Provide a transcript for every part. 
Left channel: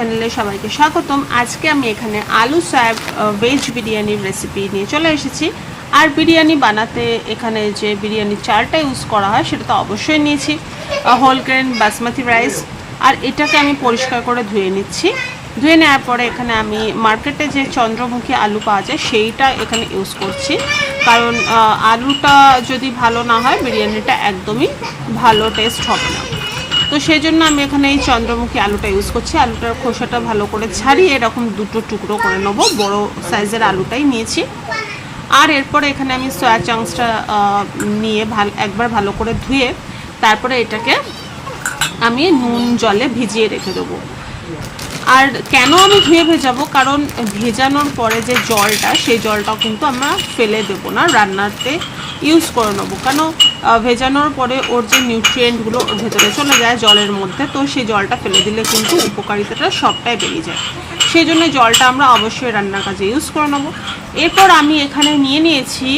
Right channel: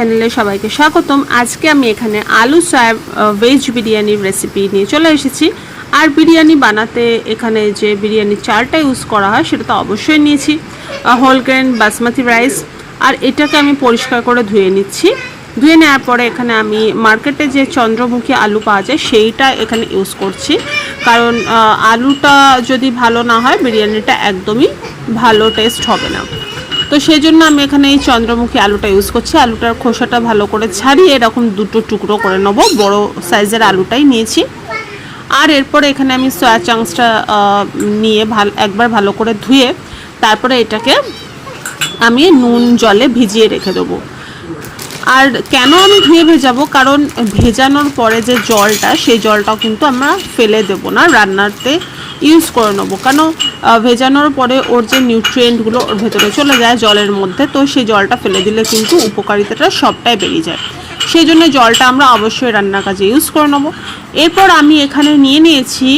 চ্যানেলে সবাইকে স্বাগতম। আজকে আমি এখানে আলু সয়া ভেজ বিরিয়ানির রেসিপি নিয়ে চলে এসেছি। আর বিরিয়ানি বানাতে এখানে যে বিরিয়ানির চালটা ইউজ করা হয় সেটা তো অবশ্যই নিয়েছি হোল গ্রেন বাসমতি রাইস। আর এটাকে আমি পরিষ্কার করে ধুয়ে নিচ্ছি। ধুয়ে নেওয়ার পরে এখানে আমি মার্কেটে যে চন্দ্রমুখী আলু পাওয়া যায় সেইটা এখানে ইউজ করছি, কারণ আলুটা যদি ভালো না হয় বিরিয়ানিটা একদমই ভালো টেস্ট হবে না। তো সেই জন্য আমি এখানে এই চন্দ্রমুখী আলুটা ইউজ করছি। আলুটার খোসাটা ভালো করে ছাড়িয়ে এরকম দুটো টুকরো করে নেবো, বড় সাইজের আলুটাই নিয়েছি। আর এরপরে এখানে আমি সয়া চাংসটা নিয়ে একবার ভালো করে ধুয়ে তারপরে এটাকে আমি নুন জলে ভিজিয়ে রেখে দেবো। আর কেন আমি ধুয়ে ভেজাবো, কারণ ভেজানোর পরে যে জলটা সেই জলটাও কিন্তু আমরা ফেলে দেবো না, রান্নাতে ইউজ করে নেবো। কেন ভেজানোর পরে ওর যে নিউট্রিয়েন্টগুলো ওর ভেতরে চলে যায় জলের মধ্যে, তো সেই জলটা ফেলে দিলে কিন্তু উপকারিতাটা সবটাই বেরিয়ে যায়। সেই জন্য জলটা আমরা অবশ্যই রান্নার কাজে ইউজ করে নেবো। এরপর আমি এখানে নিয়ে নিয়েছি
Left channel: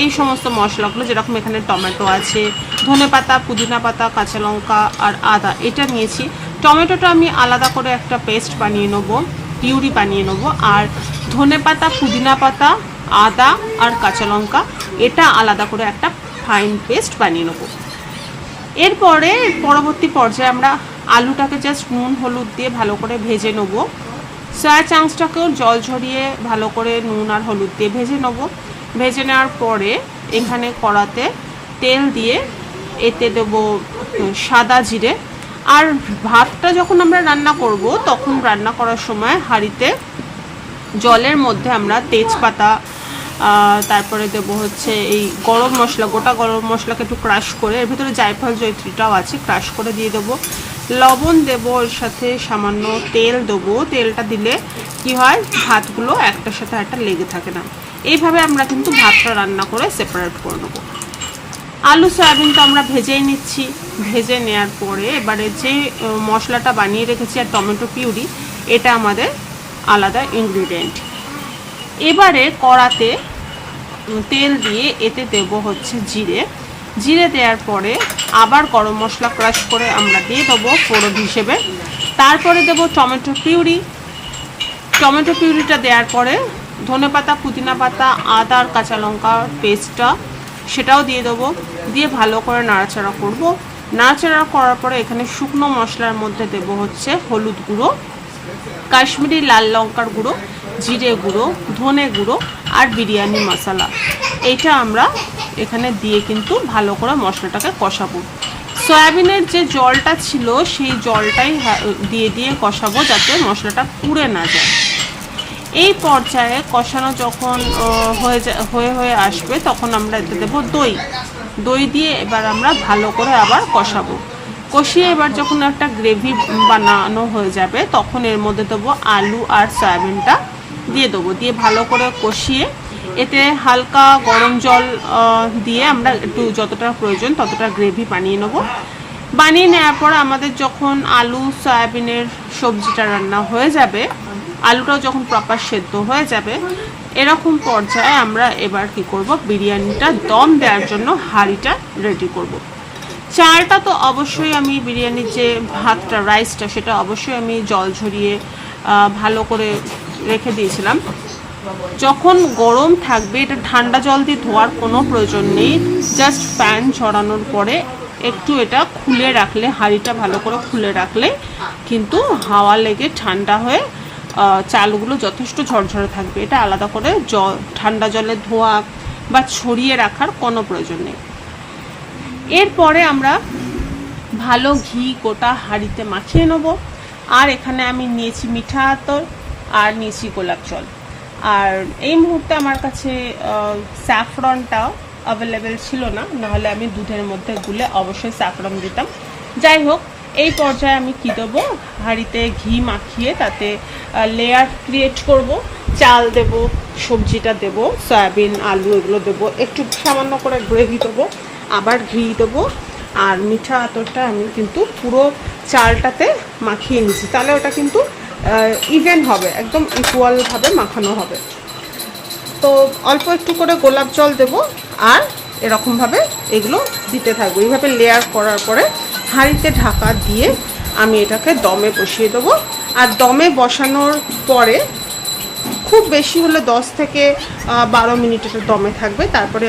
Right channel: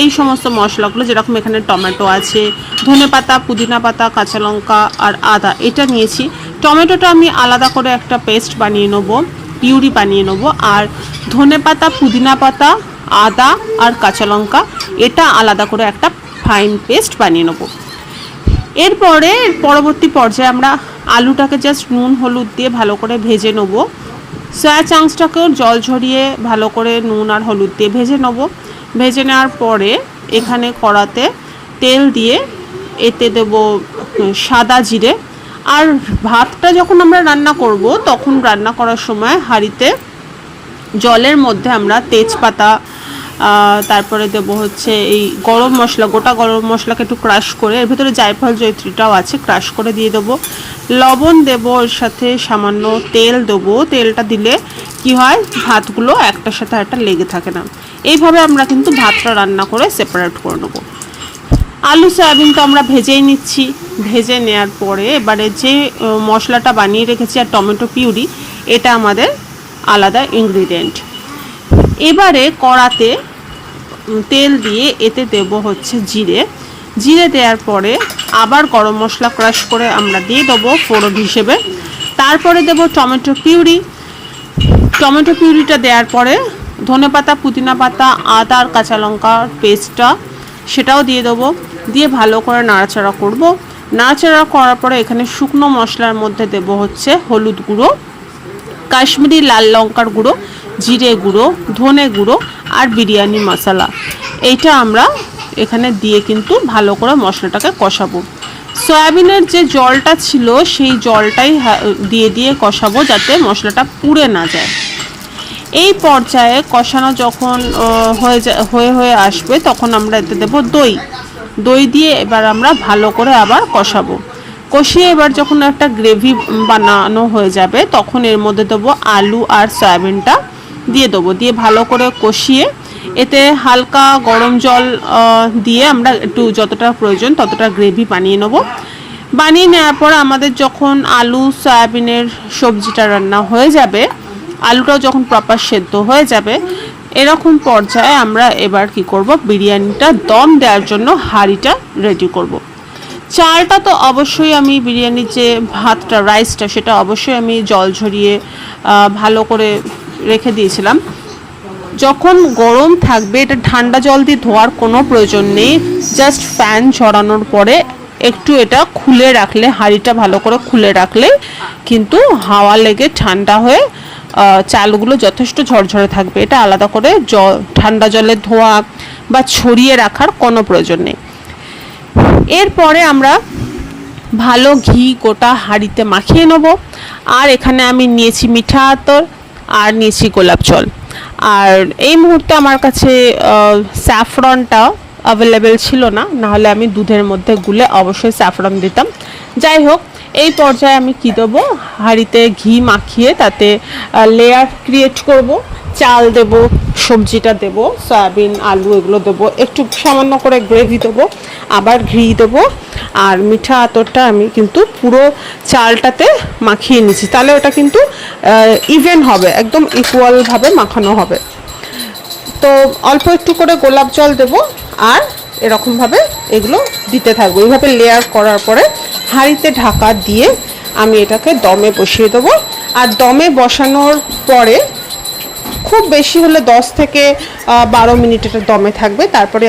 এই সমস্ত মশলাগুলো, যেরকম এখানে টমেটো আছে, ধনেপাতা, পুদিনা পাতা, কাঁচা লঙ্কা আর আদা এটা নিয়েছি। টমেটোটা আমি আলাদা করে একটা পেস্ট বানিয়ে নেবো, পিউরি বানিয়ে নেবো। আর ধনেপাতা, পুদিনা পাতা, আদা আর কাঁচা লঙ্কা এটা আলাদা করে একটা ফাইন পেস্ট বানিয়ে নেবো। এরপরে পরবর্তী পর্যায়ে আমরা আলুটাকে জাস্ট নুন হলুদ দিয়ে ভালো করে ভেজে নেবো। সয়া চাংসটাকেও জল ঝরিয়ে ভালো করে নুন আর হলুদ দিয়ে ভেজে নেবো। ভেজে নেওয়ার পরে এখানে কড়াতে তেল দিয়ে এতে দেবো সাদা জিরে। আর ভাতটা যখন আমরা রান্না করব তখন রান্না করার সময় হাঁড়িতে জলের মধ্যে আমরা তেজপাতা, তারপরে দেবো হচ্ছে এই গরম মশলা, গোটা গরম মশলাকে একটু ক্রাশ করে, এর ভিতরে জায়ফল জয়ত্রীটাও আছে, ক্রাশ করে দিয়ে দেবো। লবণ দেবো, এর সাথে সামান্য তেল দেবো। তেলটা দিলে কি হয়, ভাতগুলো একটার সাথে একটা লেগে থাকে না। এইভাবে আমরা কিন্তু ভাতটা রান্না করে সেপারেট করে নেবো। আলু সয়াবিন তো আমরা ভেজেই নিচ্ছি। ভেজে নেওয়ার পরে এবারে যে মশলাটা বানিয়ে রেখেছি আর টমেটো পিউরি, এটা আমাদের আলাদা ইনগ্রিডিয়েন্ট। এবারে কড়াতে তেল দিয়ে এতে দেবো হচ্ছে জিরে। জিরে দেওয়ার পরে আবার গরম মশলা ক্রাশ করে আমরা দিয়ে দেবো ফোড়ন হিসেবে। তারপরে দেবো টমেটো পিউরি। টমেটো পিউরিটা দেওয়ার পরে ধনেপাতা, পুদিনা পাতা, আদা আর কাঁচা লঙ্কার পেস্টটা সেটাও দিয়ে দেবো। দিয়ে ভালো করে নাড়াচাড়া করব। নাড়াচাড়া করার পরে এখানে শুকনো মশলার মধ্যে দেবো হচ্ছে হলুদ গুঁড়ো, কাশ্মীরি লাল লঙ্কার গুঁড়ো, জিরে গুঁড়ো, ধনে গুঁড়ো আর বিরিয়ানি মশলা। এইটা আমরা এখানে দিয়ে কিন্তু ভালো করে মশলাটাকে কষাবো। সয়াবিনের যে জলটা ছিল সেই জলটাই দিয়ে দিয়ে কষাবো, যাতে মশলাটা পুড়ে না যায়। এই পর্যায়ে কষানো যখন হয়ে আসবে তখন আমরা এতে দেবো দই। দই দিয়ে এবার আমরা ভালো করে আবার কষাবো। কষিয়ে এবার যখন একটা গ্রেভি বানানো হয়ে যাবে তখন এর মধ্যে দেবো আলু আর সয়াবিনটা দিয়ে দেবো। দিয়ে ভালো করে কষিয়ে এতে হালকা গরম জল দিয়ে আমরা একটু যতটা প্রয়োজন ততটা গ্রেভি বানিয়ে নেবো। বানিয়ে নেওয়ার পর আমাদের যখন আলু সয়াবিনের সবজিটা রান্না হয়ে যাবে, আলুটাও যখন প্রপার সেদ্ধ হয়ে যাবে, এরকম পর্যায়ে আমরা এবার কি করব, বিরিয়ানিটা দম দেওয়ার জন্য হাঁড়িটা রেডি করব। চালটা তো অবশ্যই আমি বিরিয়ানির যে ভাতটা রাইসটা সেটা অবশ্যই আমি জল ঝরিয়ে ভালো করে রেখে দিয়েছিলাম। যখন গরম থাকবে, এটা ঠান্ডা জল দিয়ে ধোয়ার কোনো প্রয়োজন নেই। জাস্ট ফ্যান ঝরানোর পরে একটু এটা খুলে রাখলে, হাঁড়িটা ভালো করে খুলে রাখলে কিন্তু হাওয়া লেগে ঠান্ডা হয়ে চালগুলো যথেষ্ট ঝরঝরে থাকবে। এটা আলাদা করে ঠান্ডা জলে ধোয়া বা ছড়িয়ে রাখার কোনো প্রয়োজন নেই। এরপরে আমরা ভালো ঘি গোটা হাঁড়িতে মাখিয়ে নেব। আর এখানে আমি নিয়েছি মিঠা আতর আর নিয়েছি গোলাপ জল। আর এই মুহূর্তে আমার কাছে স্যাফরনটা অ্যাভেলেবেল ছিল না, নাহলে আমি দুধের মধ্যে গুলে অবশ্যই স্যাফরন দিতাম। যাই হোক, এই পর্যায়ে আমি কি দেবো, হাঁড়িতে ঘি মাখিয়ে তাতে লেয়ার ক্রিয়েট করব। চাল দেব, সবজিটা দেব, সয়াবিন আলু এগুলো দেবো, একটু সামান্য করে গ্রেভি দেবো, আবার ঘি দেবো। আর মিঠা আতরটা আমি কিন্তু পুরো চালটাতে মাখিয়ে নিচ্ছি, তাহলে ওটা কিন্তু ইভেন হবে, একদম ইকুয়ালভাবে মাখানো হবে। তো অল্প একটু করে গোলাপ জল দেবো আর এরকমভাবে এগুলো দিতে থাকবো। এইভাবে লেয়ার করার পরে হাঁড়িতে ঢাকা দিয়ে আমি এটাকে দমে বসিয়ে দেবো। আর দমে বসানোর পরে খুব বেশি হলে 10 থেকে 12 মিনিট এটা দমে থাকবে, তারপরে